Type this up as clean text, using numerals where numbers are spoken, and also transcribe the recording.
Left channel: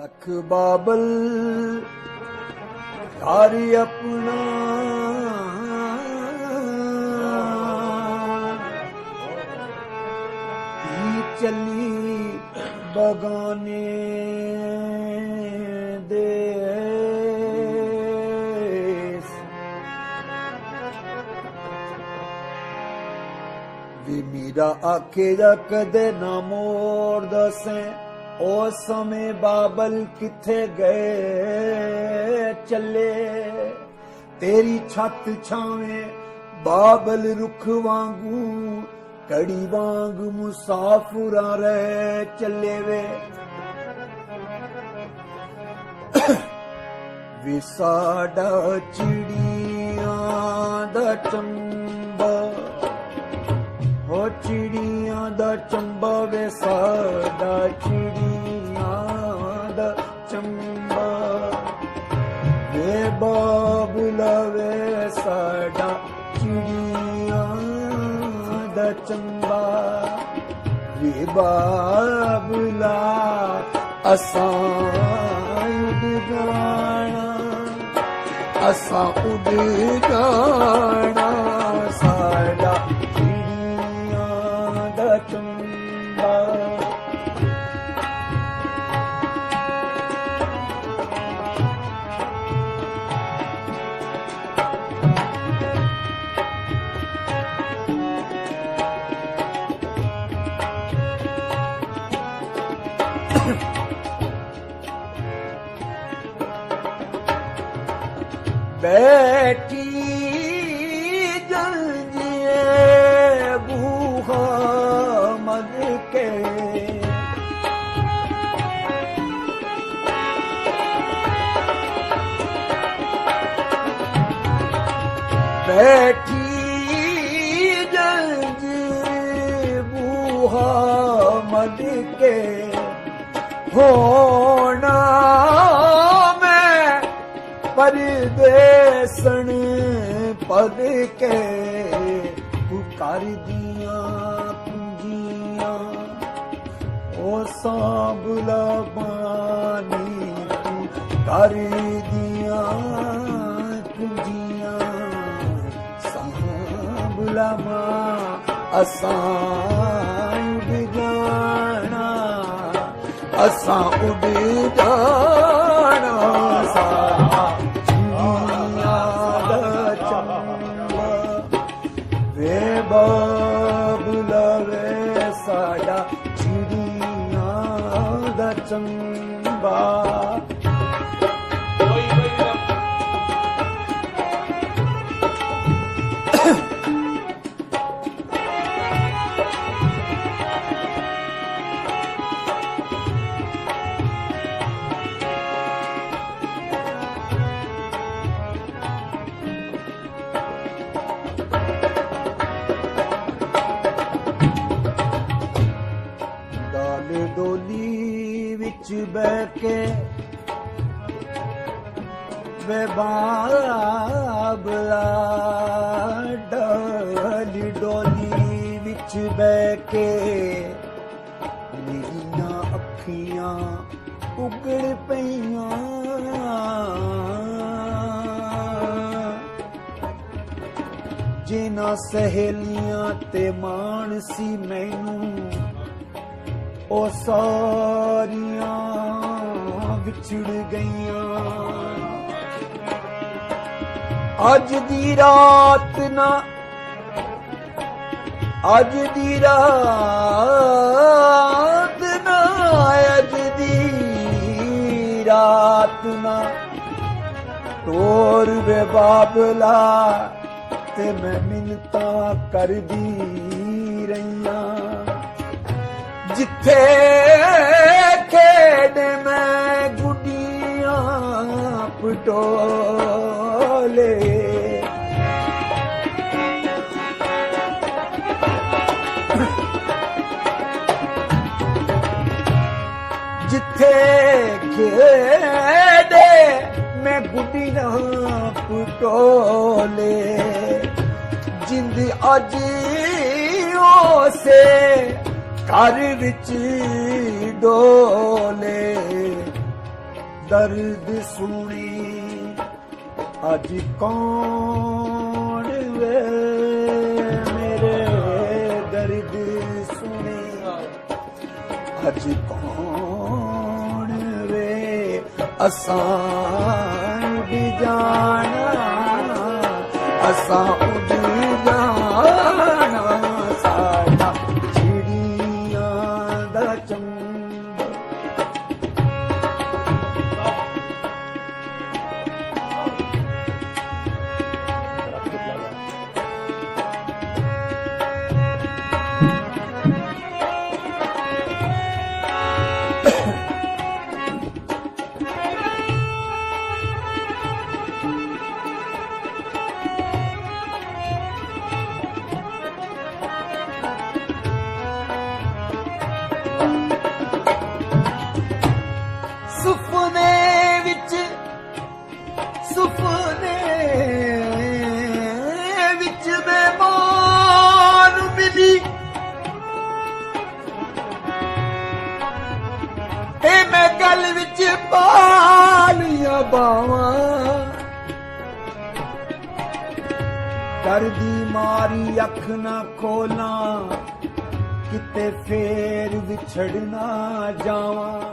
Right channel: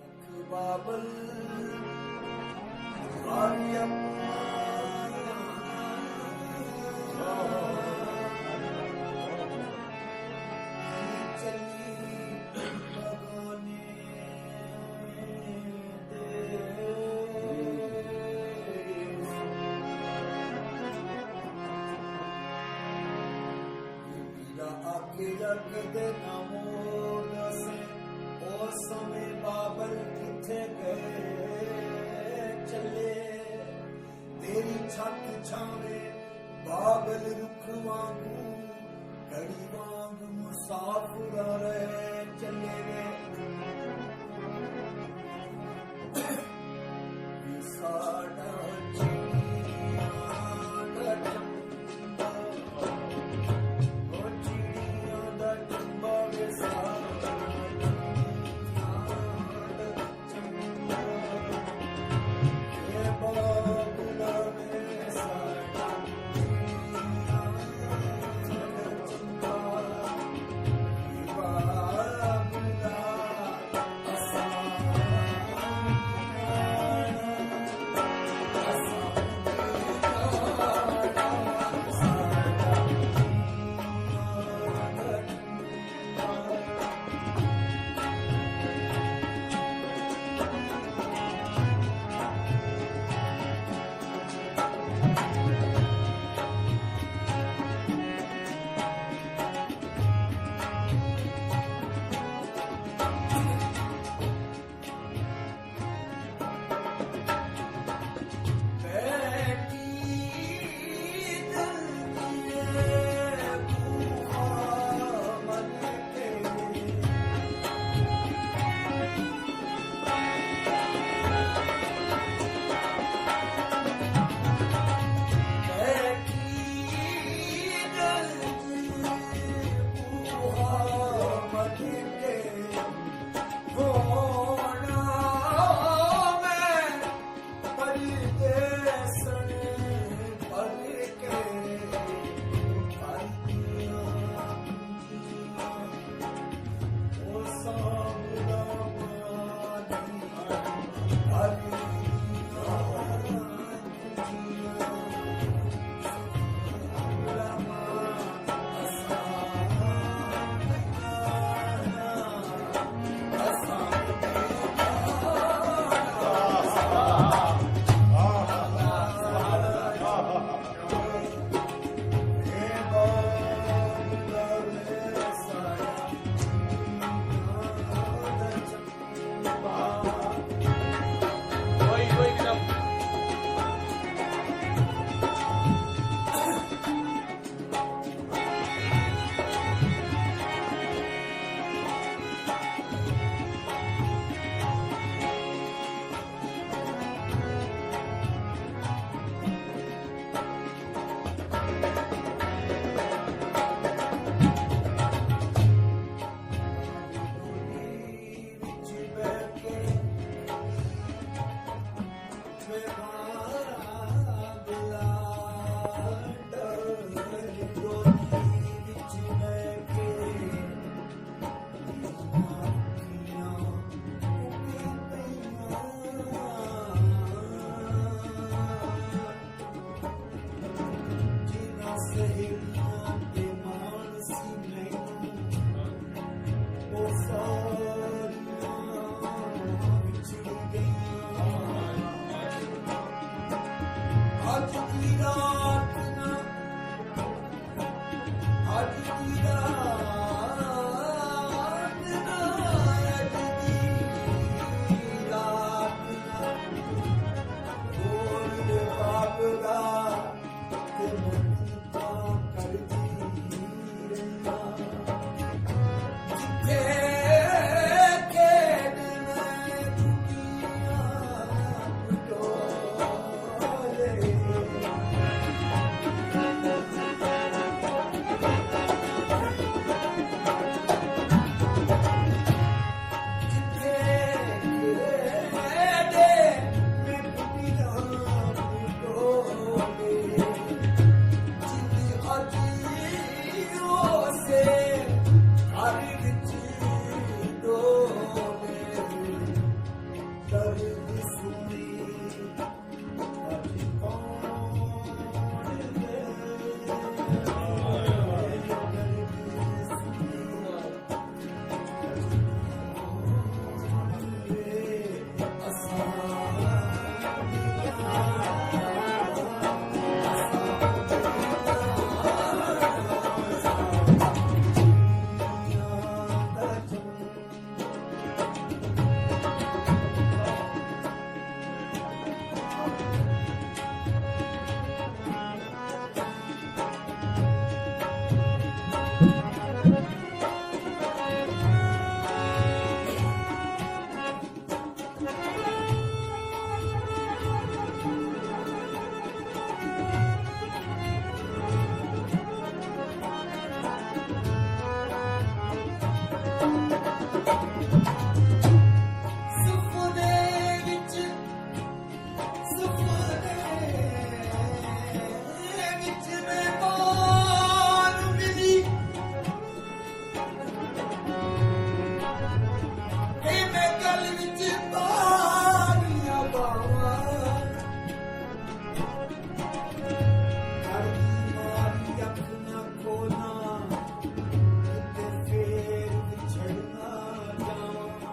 रख बाबल यार अपना चली बगाने देस वे मीरा आखे जा कदे ना मोर दसे ओ समय बाबल किथे गए चले तेरी छत छावे बाबल रुख वांगू कड़ी वांग मुसाफिरा रहे चले वे साडा चिड़िया दा चंबा हो चिड़िया दा चंबा वे साडा चिड़िया दा चंबा वे बाबुला वे साडा चिड़िया दा चंबा वे बाबुला असां उड़ जाना असां उड़ जाना साडा चिड़िया दा चंबा बैठी जल्दिए बूहा मद के बैठी जल्दी बूहा मद के होना परदेसन पद के कर दिया पूंजिया ओ सांबला पानी कर दिया पूंजिया सांबला असां उड़ जाना असां उड़ जाना बाबुला वे साडा चिड़िया दा चंबा डोली विच बैठ के वे बाबला डाली डोली विच बैठ के मेरियां अखियां उगड़ पईयां जिन्हां सहेलियां ते मान सी मैनू ओ सारियां विछड़ गईयां अज दी रात ना अज दी रात ना अज दी रात ना तोर वे बाबला ते मैं मिन्नता कर दी रहियां जिथे खेड मैं गुडियां पटोले जिथे खेडे मैं गुडियां पटोले जिंद अज से घर विच डोले ਦਰਦ ਸੁਣੀ ਅੱਜ ਕੌਣ ਵੇ ਮੇਰੇ ਦਰਦ ਸੁਣੀ ਅੱਜ ਕੌਣ ਵੇ ਅਸਾਂ ਉੱਡ ਜਾਣਾ ਅਸਾਂ ਉੱਡ ਜਾਣਾ ਸਾਡਾ ਚਿੜੀਆਂ ਦਾ ਚੰਗ ਸੁਪਨੇ ਵਿੱਚ ਮਹਿਮਾਨ ਮਿਲੀ ਤੇ ਮੈਂ ਗਲ ਵਿੱਚ ਪਾ ਲੀਆਂ ਬਾਵਾਂ ਕਰਦੀ ਮਾਰੀ ਅੱਖ ਨਾ ਖੋਲਾਂ ਕਿਤੇ ਫੇਰ ਵਿਛੜ ਨਾ ਜਾਵਾਂ